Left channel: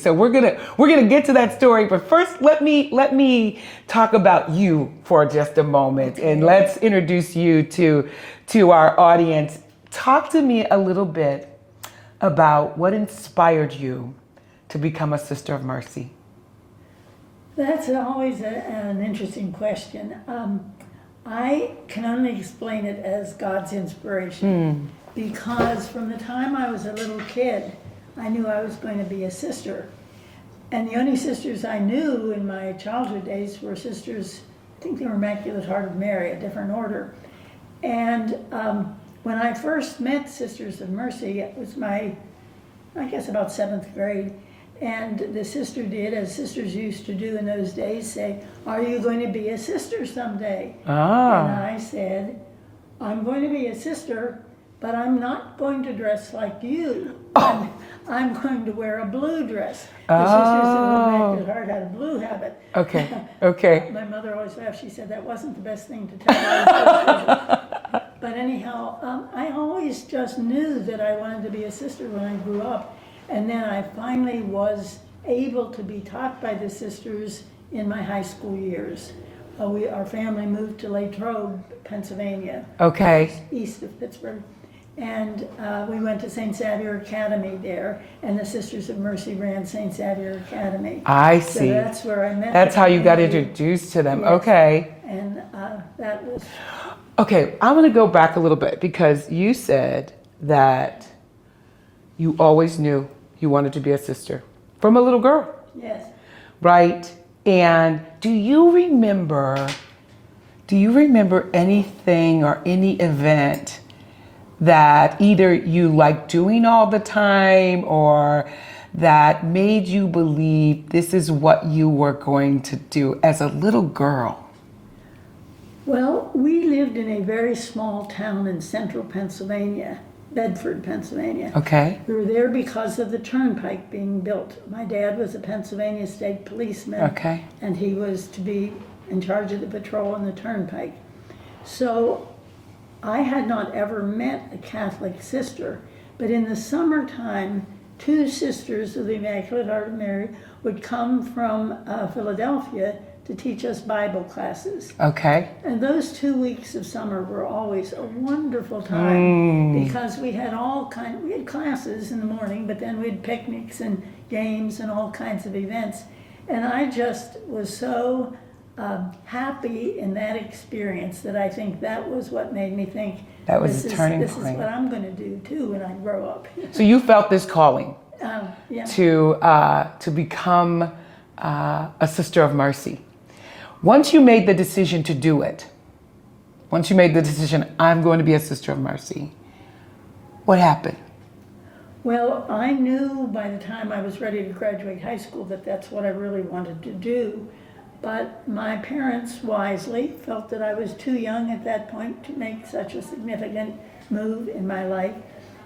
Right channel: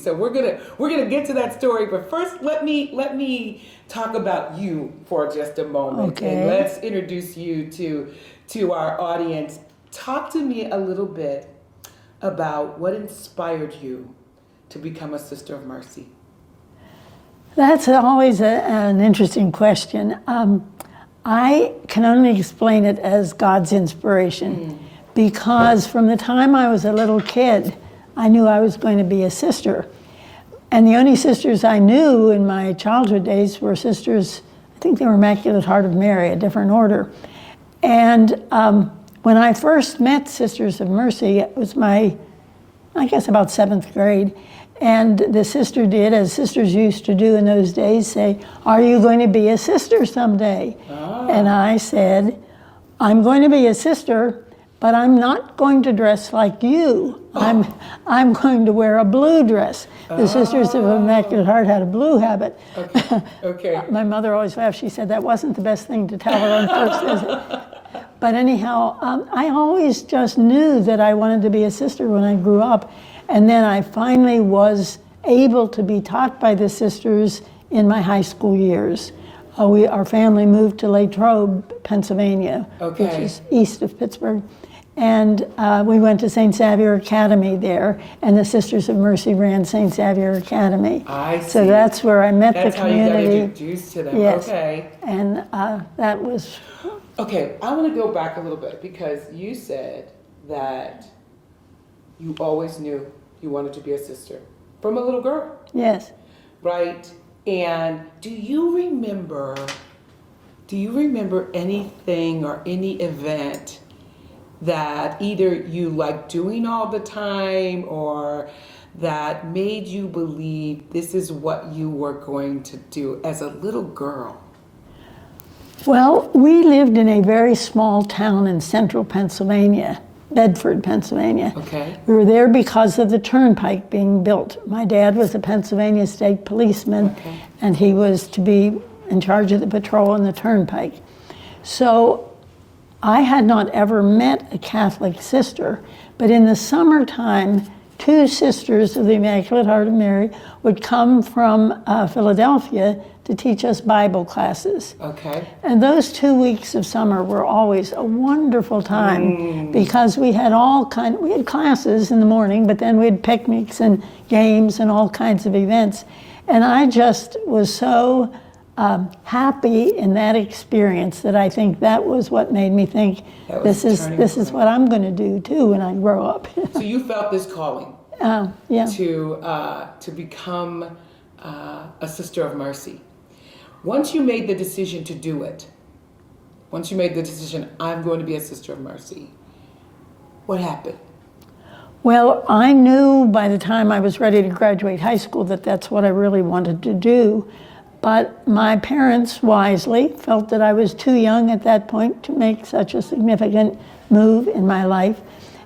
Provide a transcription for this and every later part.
So we're gonna get to that story, but first let me talk about you for just a moment, Okay. and let's introduce you to our audience. Talk to me a little bit about what inspired you to become a Sister of Mercy. That's always an interesting question. I can only explain it as God's inspiration, because from the time I was a little kid, I knew I was going to be a sister. And the only sisters I knew in my childhood days were sisters, I think they were Immaculate Heart of Mary, a different order. And when I first met Sisters of Mercy, it was I guess about 7th grade. And the sister did, as sisters used to do in those days, say, "Are you going to be a sister someday?" And I said, "I'm going to be a sister, but I'm not going to dress like you. I'm going to wear a blue dress." The Sisters of Immaculate Heart had a blue habit. Okay. My mother always laughed. She said that wasn't the best thing to tell her on first visit. But anyhow, I always just knew that I wanted to be a sister when I grew up. And then I finally was able to be taught by the sisters in my high school years. Our family moved to Latrobe, Pennsylvania, which is east of Pittsburgh. And we went to St. Xavier Academy there, and the Sisters of Mercy ran St. Xavier Academy. I see. So that's where I met That's the how you got community. introduced to them. Yes. Okay. And that was... Okay, I want to go back a little bit, because you said that you always knew you wanted to be a sister from a little girl. Yes. Right? And do you remember anything or any event that either you liked doing all the time, or that made you believe this is what you were going to do as a little girl? Well, we lived in a very small town in central Pennsylvania, Bedford, Pennsylvania. Okay. We were there because of the turnpike being built. My dad was a Pennsylvania state policeman, Okay. and he was to be in charge of the patrol on the turnpike. So I had not ever met a Catholic sister, but in the summertime, 2 sisters of the Immaculate Heart of Mary would come from Philadelphia to teach us Bible classes. Okay. And those 2 weeks of summer were always a wonderful time, because we had we had classes in the morning, but then we had picnics and games and all kinds of events. And I just was so happy in that experience that I think that was what made me think this is what I'm going to do too when I grow up. So you felt this calling Yeah. to become a Sister of Mercy. Once you made the decision to do it, once you made the decision, I'm going to be a Sister of Mercy, what happened? Well, I knew by the time I was ready to graduate high school that that's what I really wanted to do. But my parents wisely felt that I was too young at that point to make such a significant move in my life.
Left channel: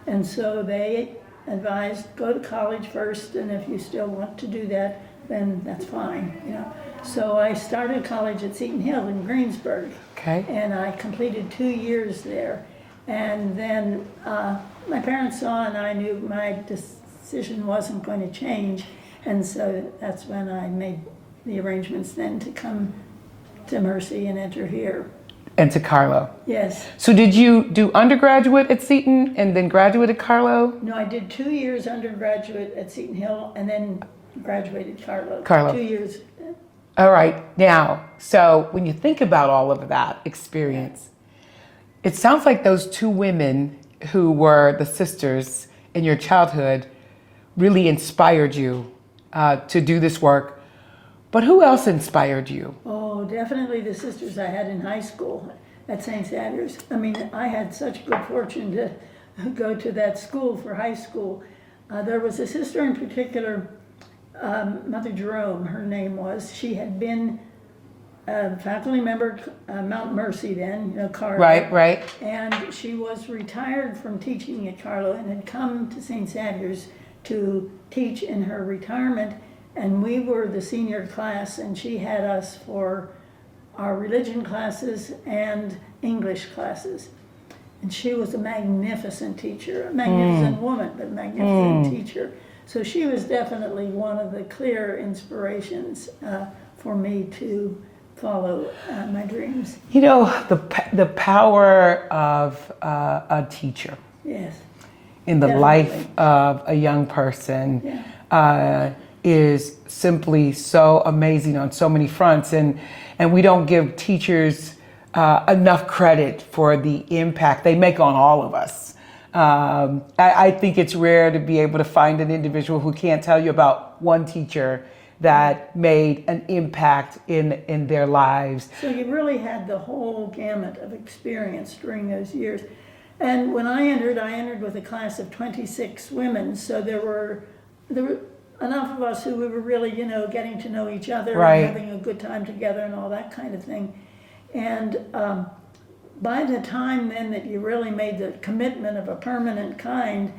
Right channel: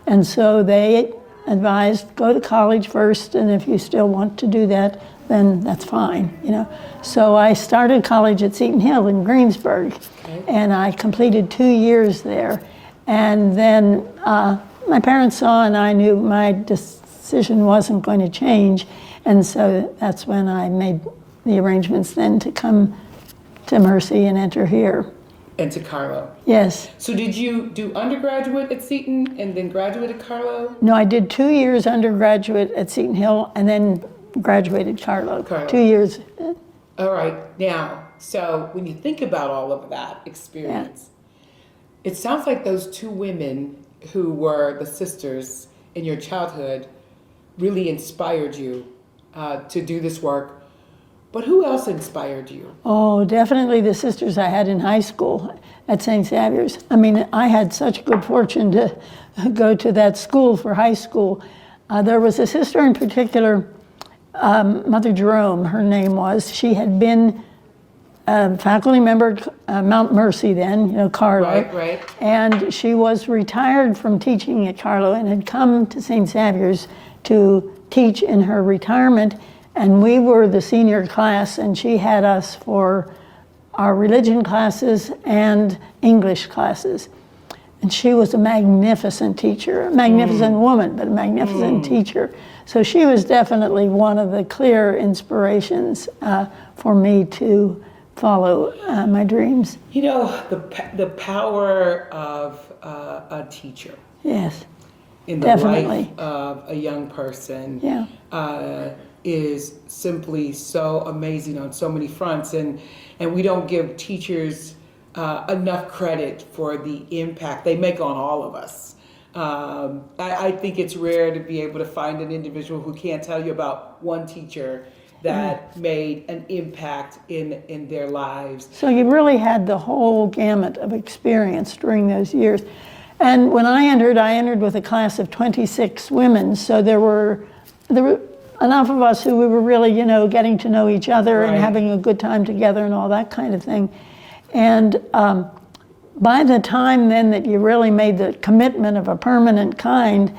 And so they advised, go to college first, and if you still want to do that, then that's fine, you know. So I started college at Seton Hill in Greensburg, and I completed 2 years there. And then my parents saw, and I knew my decision wasn't going to change, and so that's when I made the arrangements then to come to Mercy and enter here. And to Carlow. Yes. So did you do undergraduate at Seton and then graduate at Carlow? No, I did 2 years undergraduate at Seton Hill and then graduated Carlow. 2 years. All right. Now, so when you think about all of that experience, it sounds like those 2 women who were the sisters in your childhood really inspired you to do this work. But who else inspired you? Oh, definitely the sisters I had in high school at St. Xavier's. I mean, I had such good fortune to go to that school for high school. There was a sister in particular, Mother Jerome, her name was. She had been a faculty member at Mount Mercy then, you know, Carlow. Right. And she was retired from teaching at Carlow and had come to St. Xavier's to teach in her retirement. And we were the senior class, and she had us for our religion classes and English classes. And she was a magnificent teacher, a magnificent woman, but a magnificent teacher. So she was definitely one of the clear inspirations for me to follow my dreams. You know, the power of a teacher Yes. in the Definitely. life of a young person Yeah. is simply so amazing on so many fronts, and we don't give teachers enough credit for the impact they make on all of us. I think it's rare to be able to find an individual who can't tell you about one teacher that made an impact in their lives. So you really had the whole gamut of experience during those years. And when I entered with a class of 26 women, so there were enough of us who we were really, getting to know each other Right. and having a good time together and all that kind of thing. And by the time then that you really made the commitment of a permanent kind,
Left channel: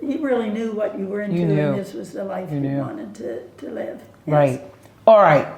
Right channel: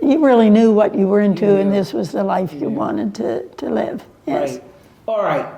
you really knew what you were into, and this was the life you wanted to live. Yes. Right. All right.